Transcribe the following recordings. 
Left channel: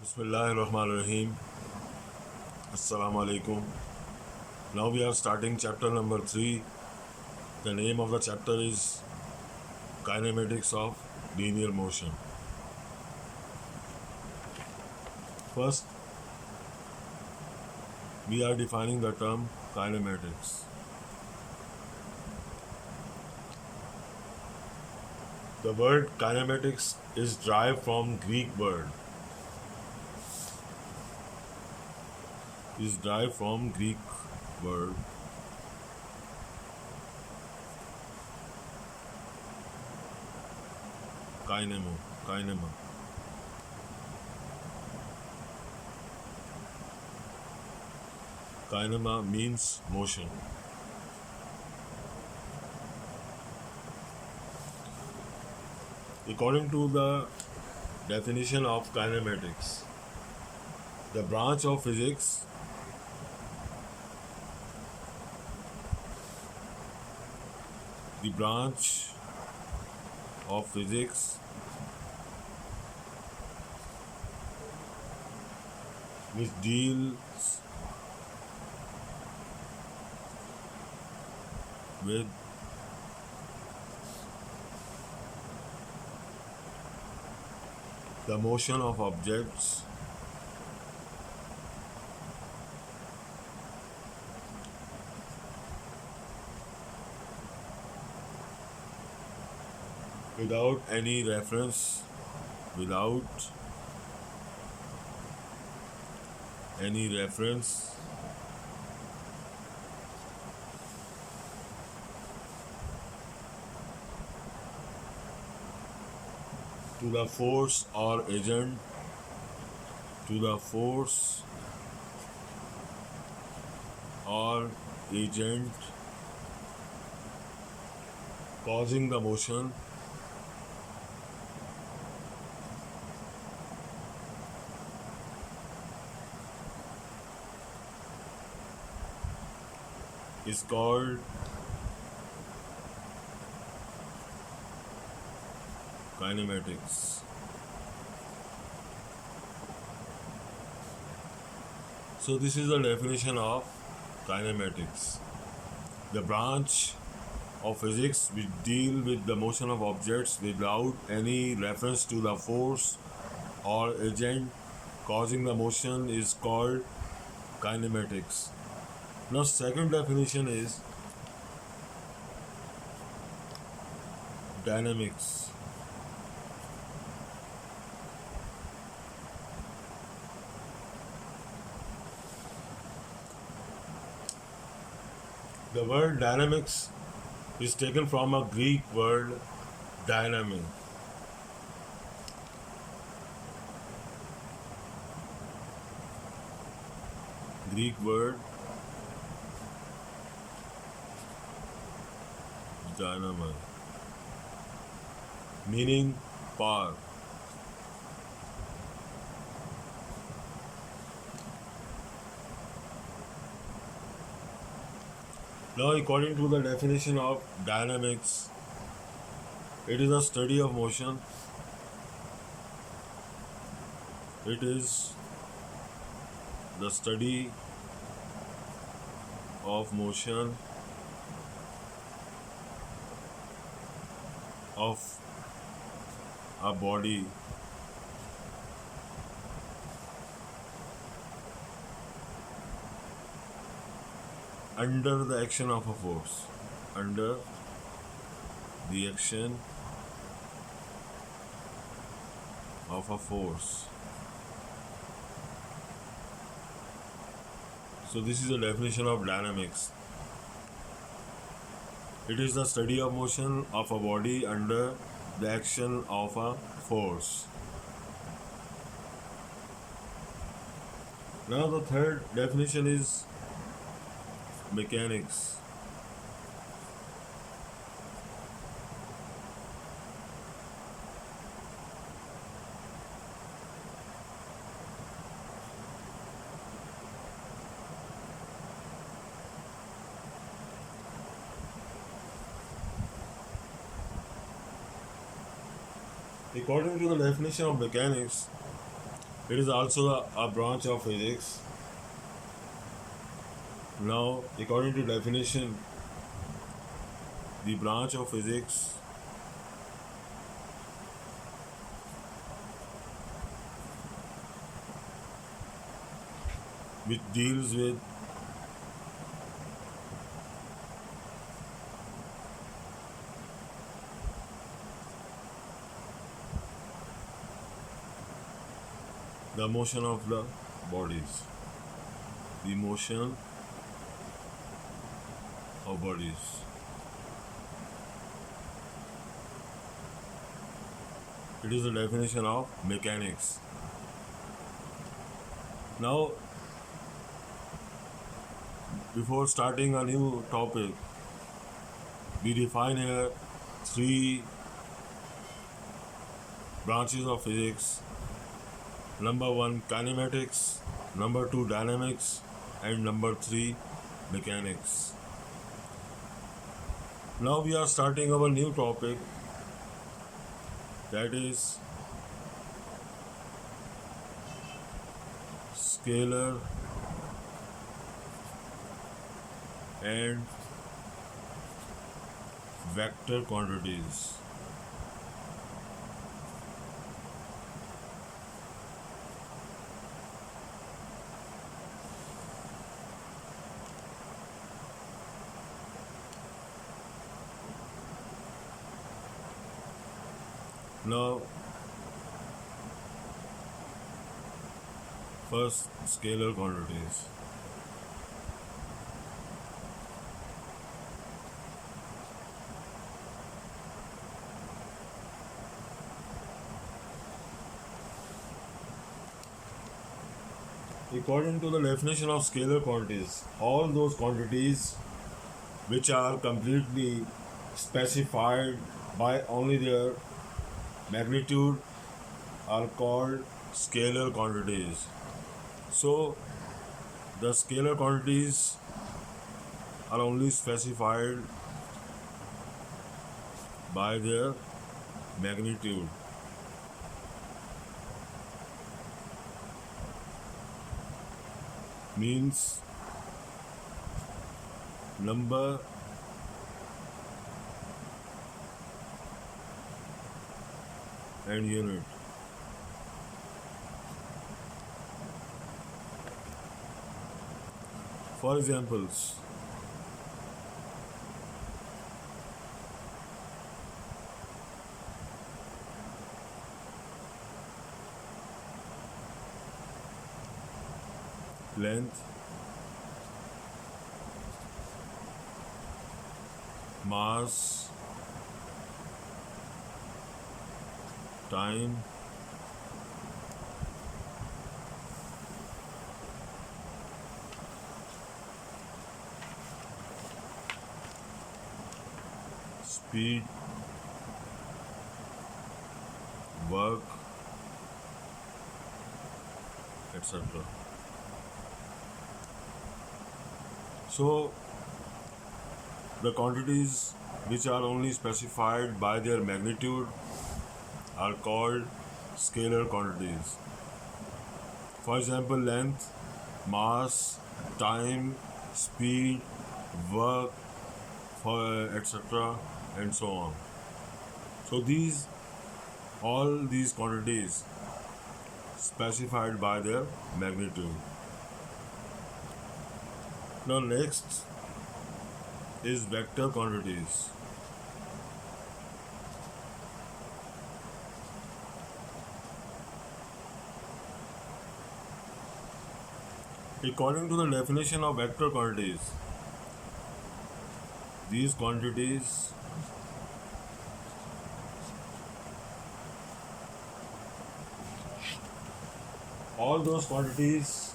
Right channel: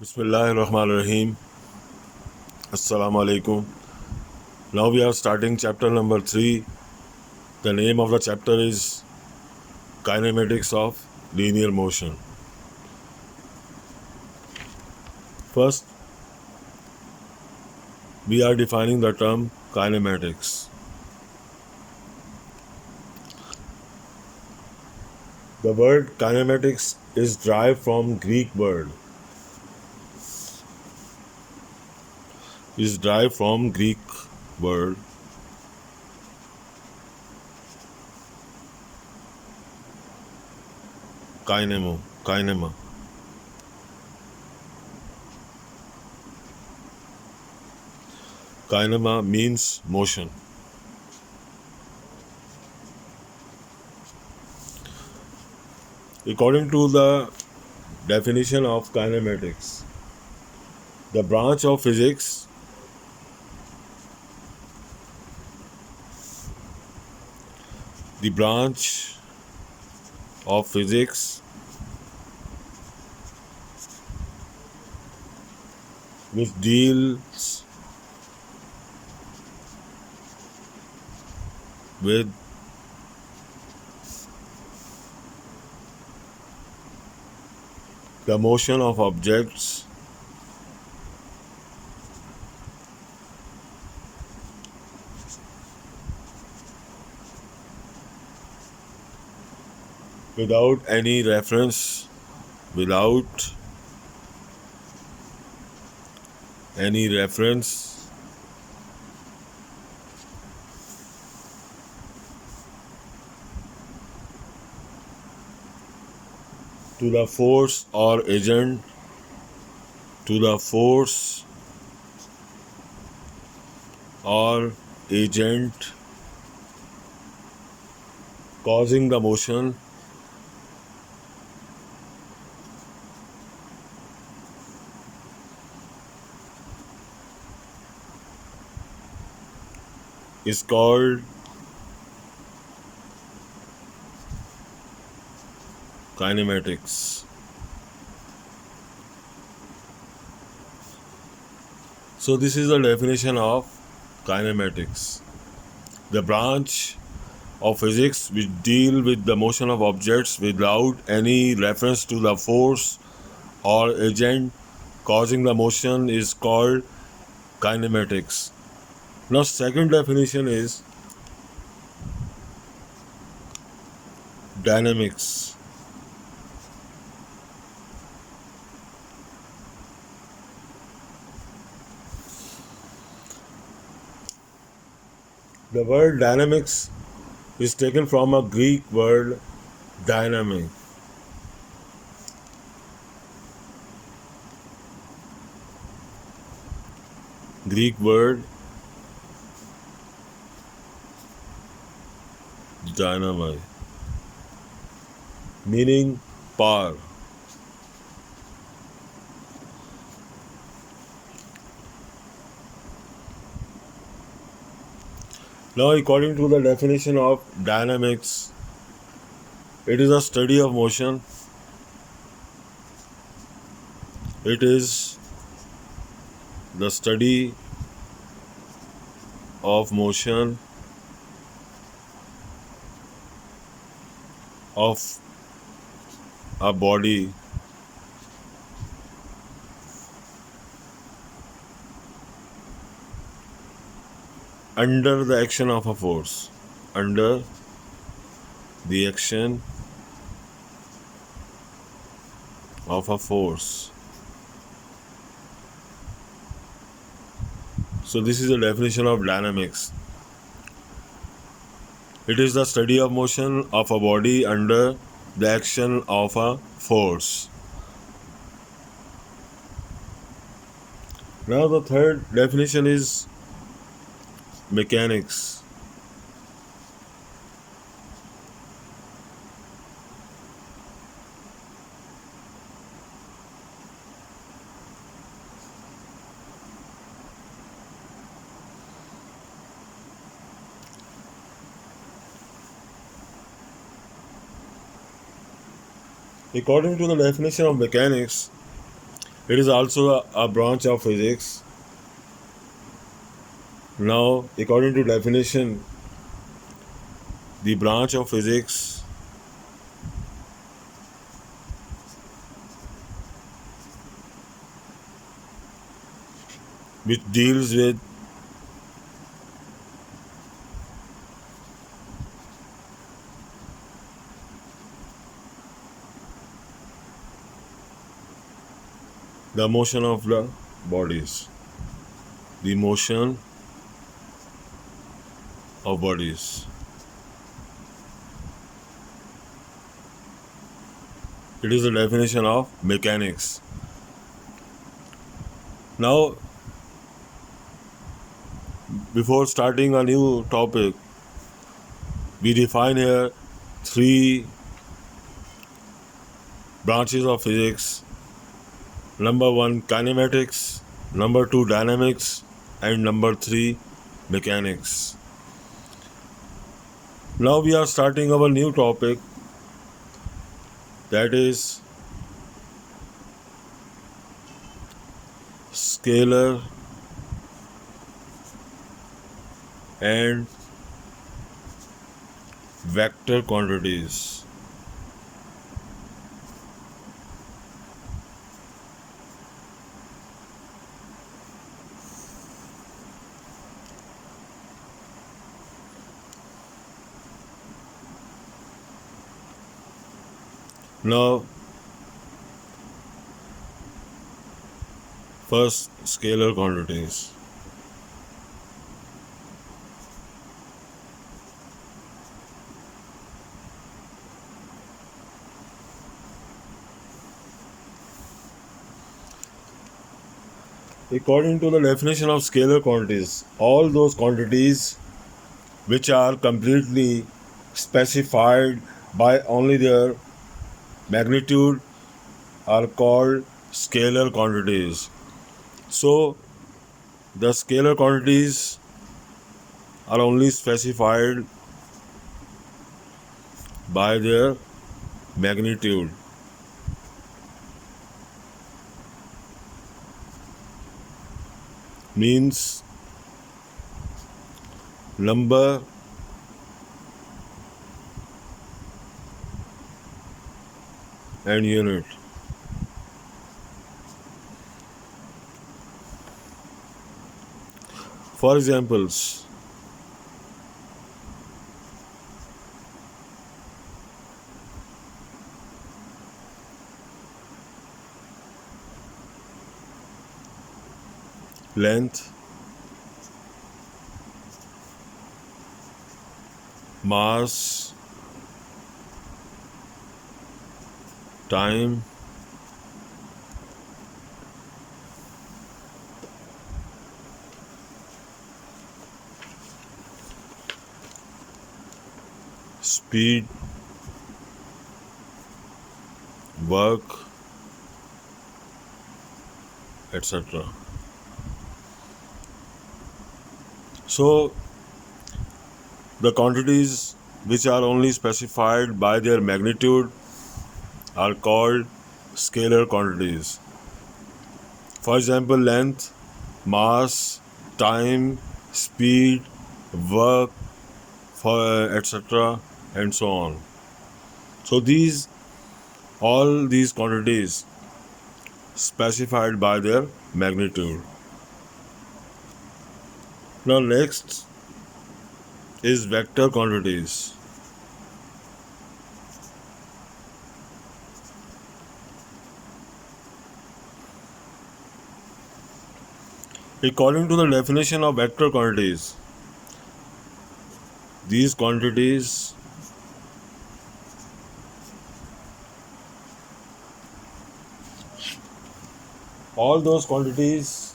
Bismillahirrahmanirrahim. Assalamu alaikum. Now we are starting chapter number 3. The name of the chapter is Kinematics of Linear Motion. First, we are defining the term kinematics. The word kinematics is derived from Greek word. Kinema. Kinema means motion. According to the definition of kinematics, the branch of physics which deals with the motion of objects without any reference to the force or agent causing the motion is called kinematics. So this is the definition of kinematics. The branch of physics which deal with the motion of objects without any reference to the force or agent causing the motion is called kinematics. Now, second definition is dynamics. The word dynamics is taken from a Greek word dynamic. Greek word dynamite, meaning power. Now, according to the definition of dynamics, it is a study of motion. It is the study of motion of a body under the action of a force. Under the action of a force. So this is the definition of dynamics. It is the study of motion of a body under the action of a force. Now the third definition is mechanics. According to the definition of mechanics, It is also a branch of physics. Now, according to definition, the branch of physics which deals with the motion of the bodies. The motion of bodies. It is the definition of mechanics. Now, before starting a new topic, we define here three branches of physics. Number one, kinematics. Number two, dynamics. And number three, mechanics. Now we are starting our new topic, that is scalar and vector quantities. Now, first, scalar quantities. According to the definition of scalar quantities, all those quantities which are completely specified by only their magnitude are called scalar quantities. So, the scalar quantities are only specified by their magnitude. Means number and unit. For examples, length, mass, time, speed, work, etc. So, the quantities which are only specified by their magnitude are called scalar quantities. For example, length, mass, time, speed, work, etc., and so on. So all these quantities specified by their magnitude. Now next is vector quantities. According to the definition of vector quantities, these quantities all those quantities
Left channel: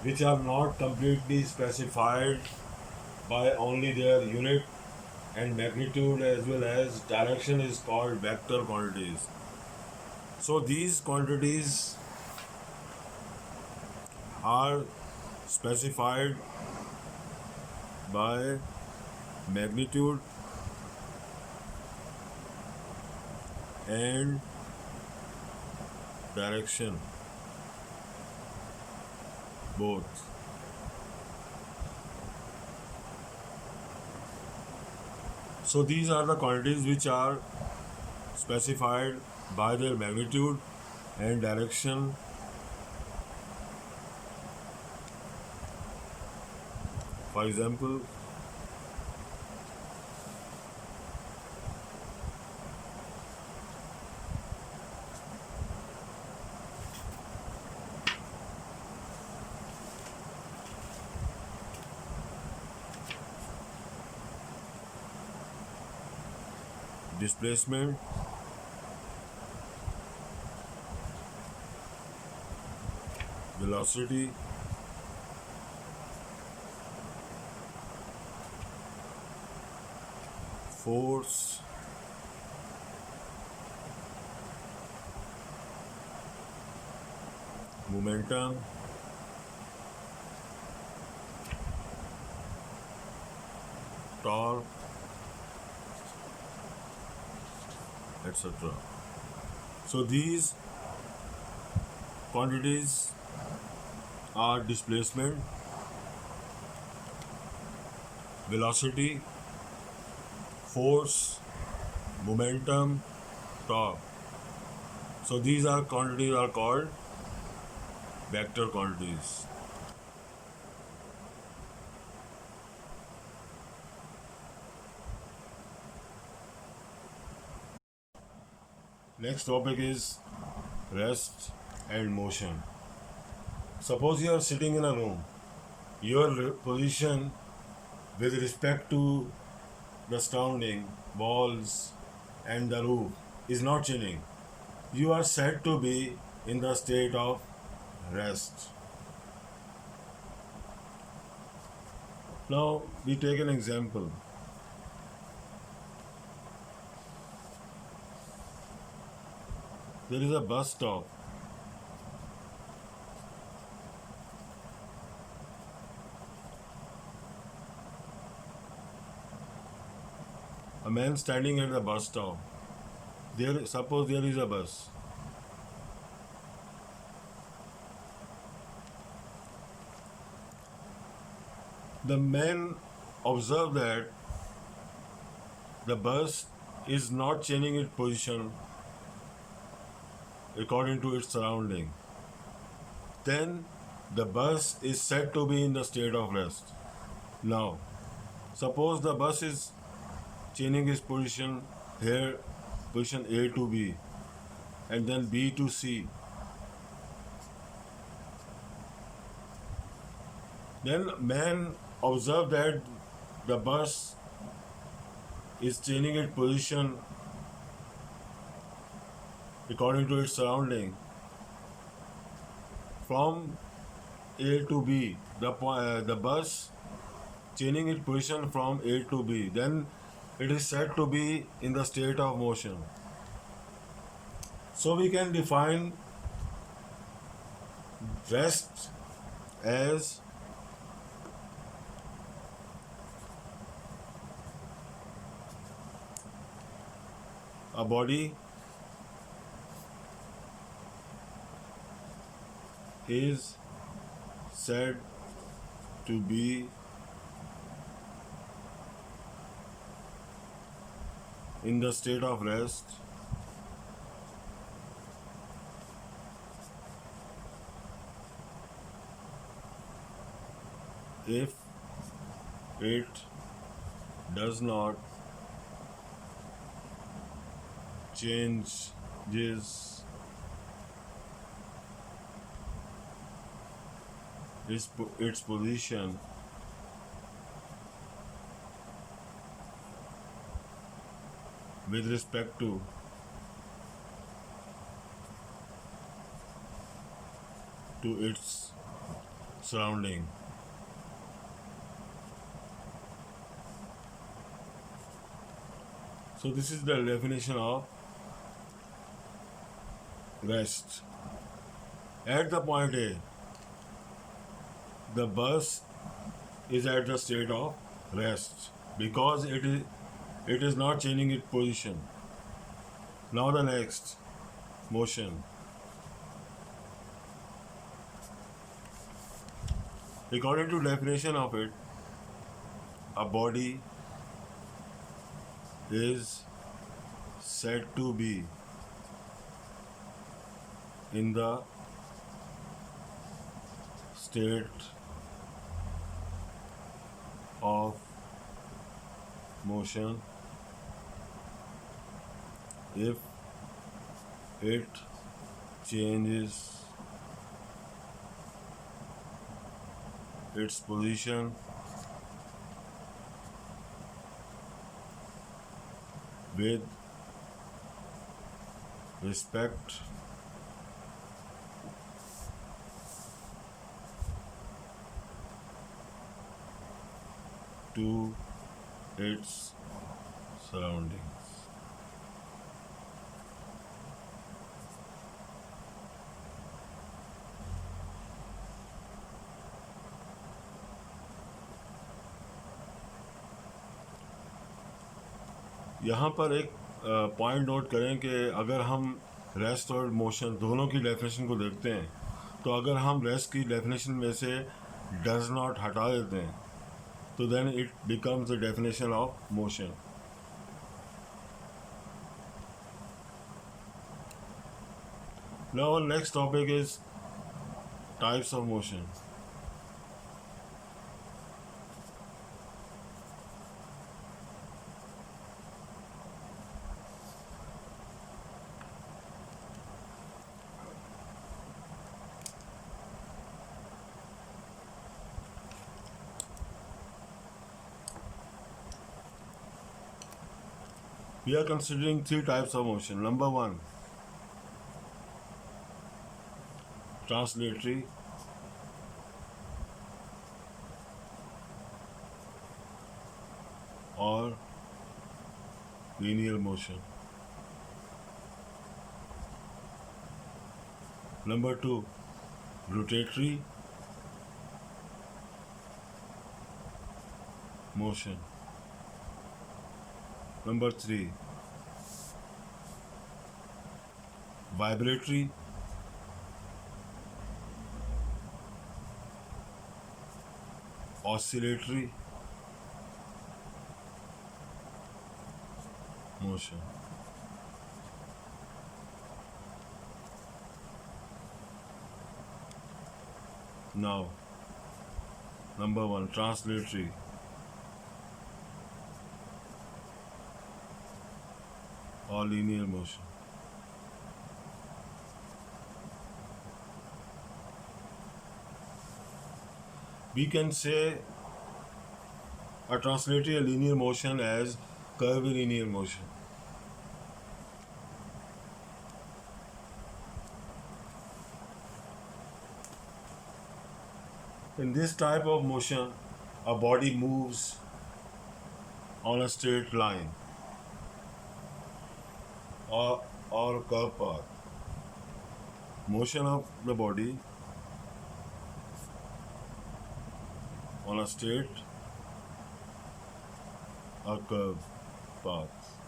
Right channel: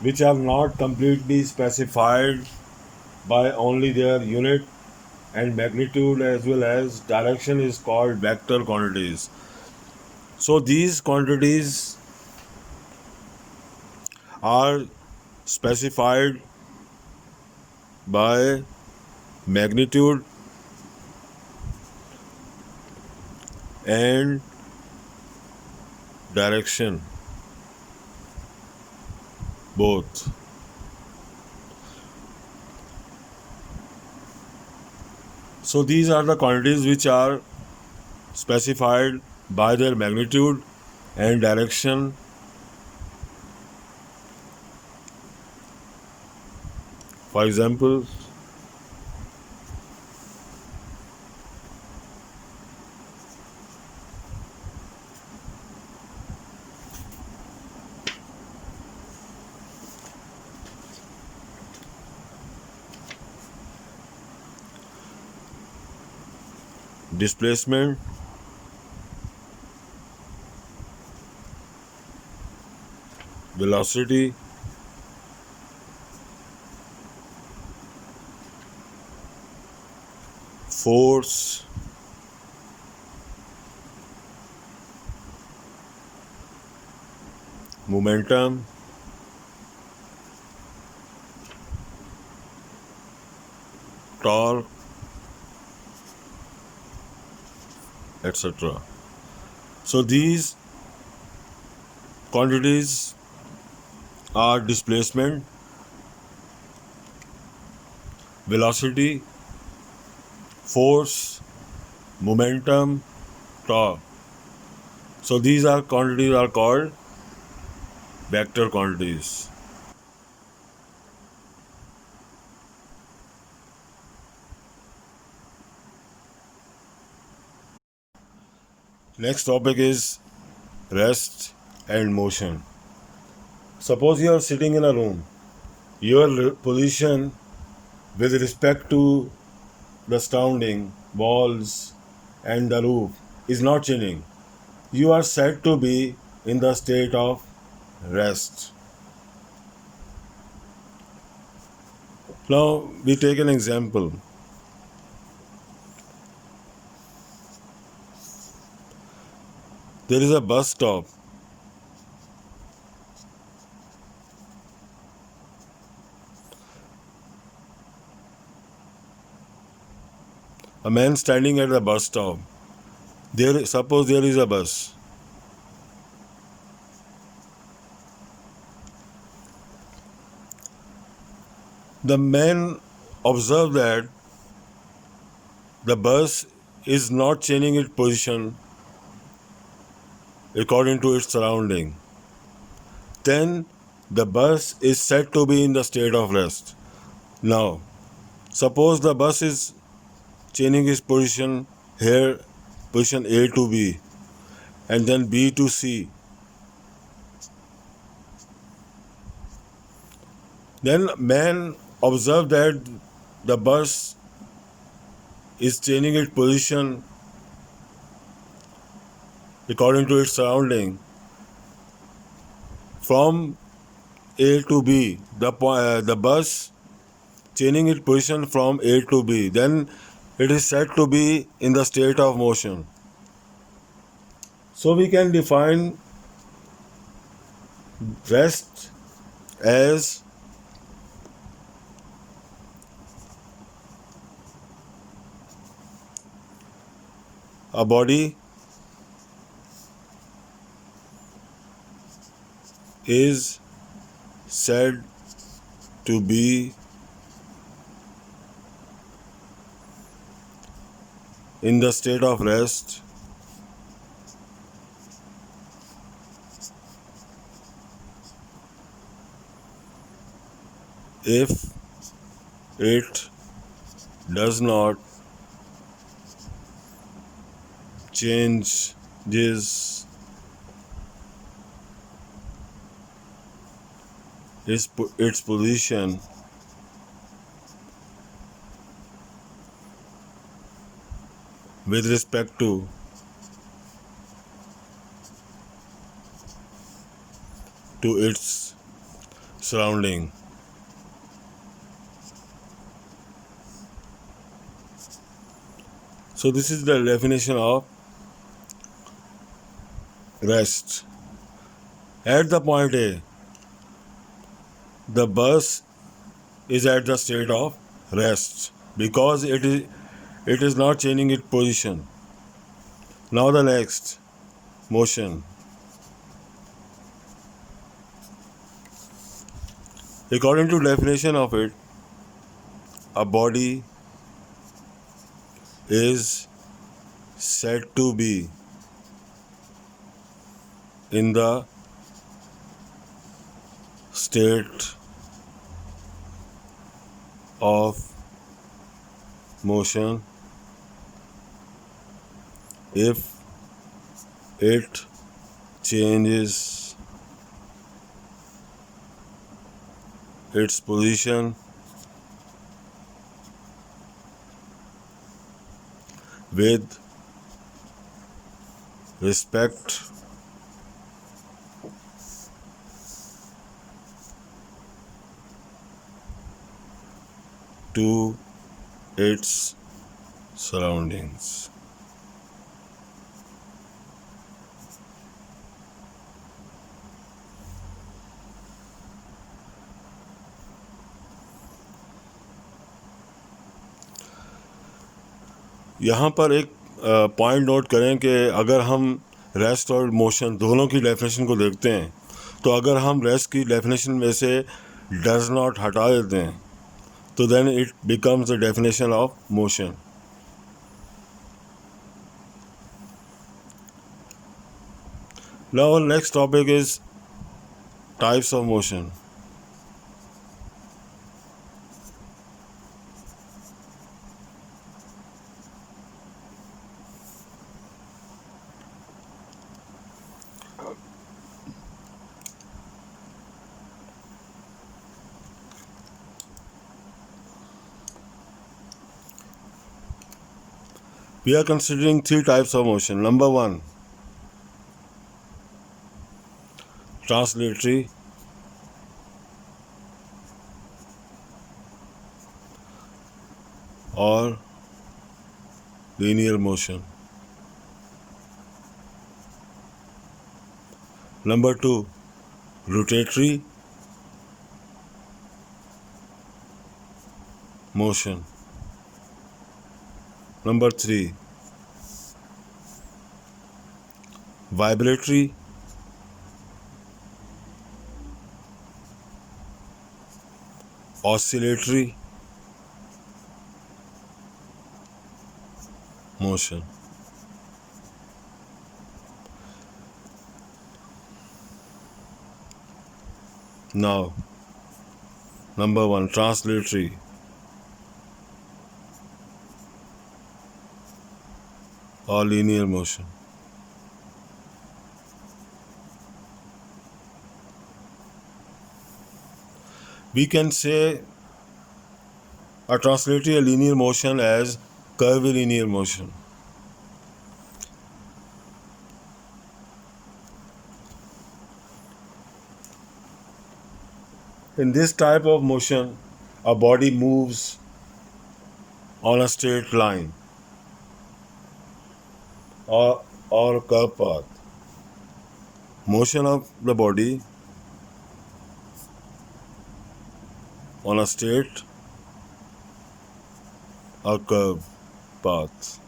which are not completely specified by only their unit and magnitude as well as direction is called vector quantities. So these quantities are specified by magnitude and direction. both. So these are the quantities which are specified by their magnitude and direction. For example, displacement, velocity, force, momentum, torque, etc. So these quantities are displacement, velocity, force, momentum, torque. So these are quantities are called vector quantities. Next topic is rest and motion. Suppose you are sitting in a room. Your position with respect to the surrounding walls and the roof is not changing. You are said to be in the state of rest. Now we take an example. There is a bus stop. A man standing at the bus stop. Suppose there is a bus. The man observed that the bus is not changing its position according to its surrounding. Then the bus is said to be in the state of rest. Now, suppose the bus is changing its position here, position A to B, and then B to C. Then man observed that the bus is changing its position according to its surrounding from A to B. The bus changing its position from A to B. Then it is said to be in the state of motion. So we can define rest as a body is said to be in the state of rest if it does not change its position with respect to its surrounding. So this is the definition of rest. At the point A, the bus is at the state of rest because it is not changing its position. Now the next, motion. According to definition of it, a body is said to be in the state of motion if it changes its position with respect to its surroundings. यहाँ पर एक point note करें कि अगर हम rest और motion दोनों की डेफिनेशन को देखते हैं तो अगर हम रेस्ट की डेफिनेशन में से डज नॉट हटा देते हैं तो then it becomes the definition of motion. Now our next topic is types of motion. We are considering three types of motion. Number one, translatory, or linear motion. Number two, rotatory motion. Number three, vibratory oscillatory motion. Now, number one, translatory. Or linear motion. We can say a translatory linear motion as curvilinear motion. In this type of motion, a body moves on a straight line or curved path. Motion of the body on a straight or curved path.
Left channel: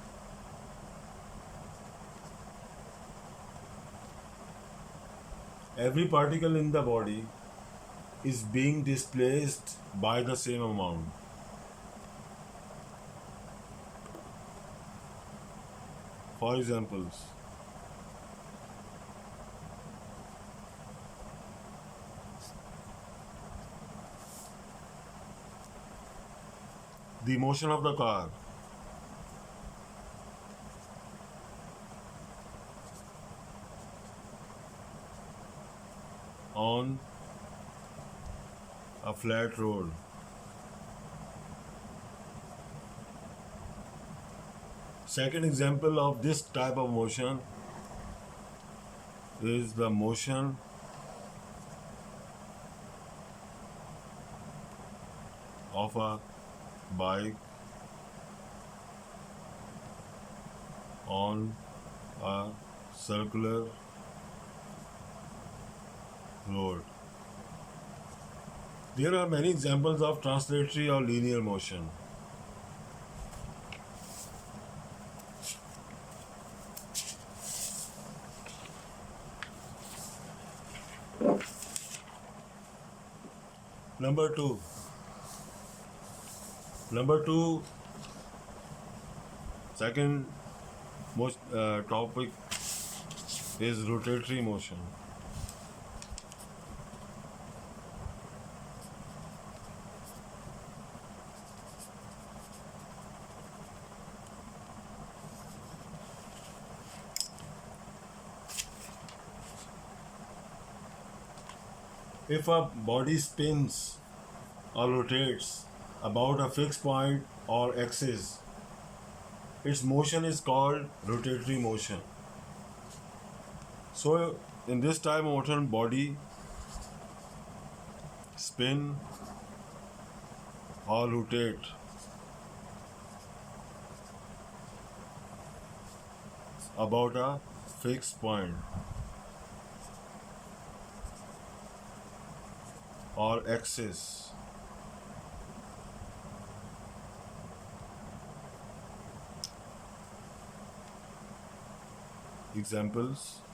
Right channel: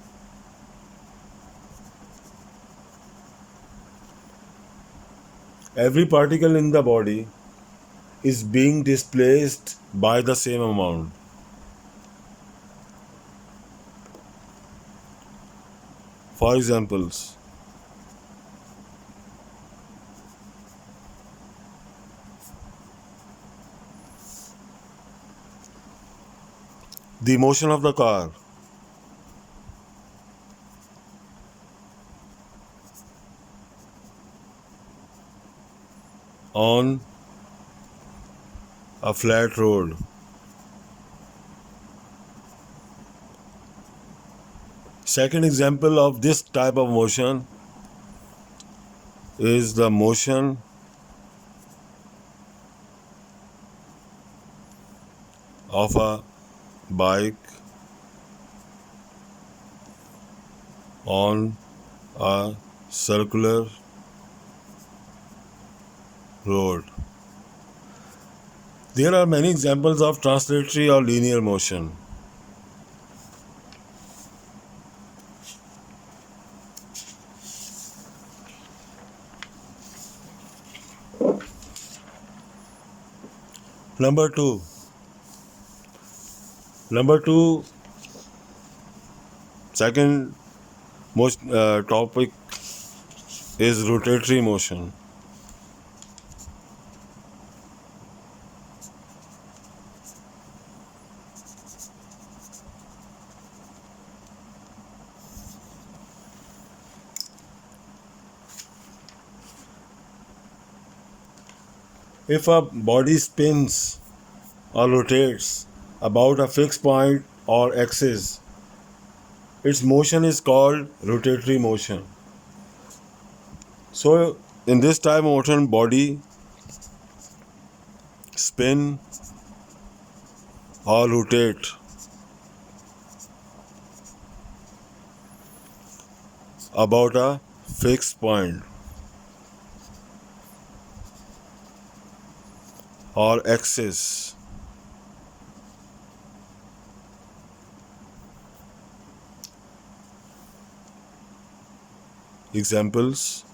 Every particle in the body is being displaced by the same amount. For examples, the motion of the car on a flat road. Second example of this type of motion is the motion of a bike on a circular road. There are many examples of translatory or linear motion. Number two. Number two, second most topic is rotatory motion. If a body spins or rotates about a fixed point or axis, its motion is called rotatory motion. So, in this type of motion, body spin or rotate about a fixed point or axis. Examples: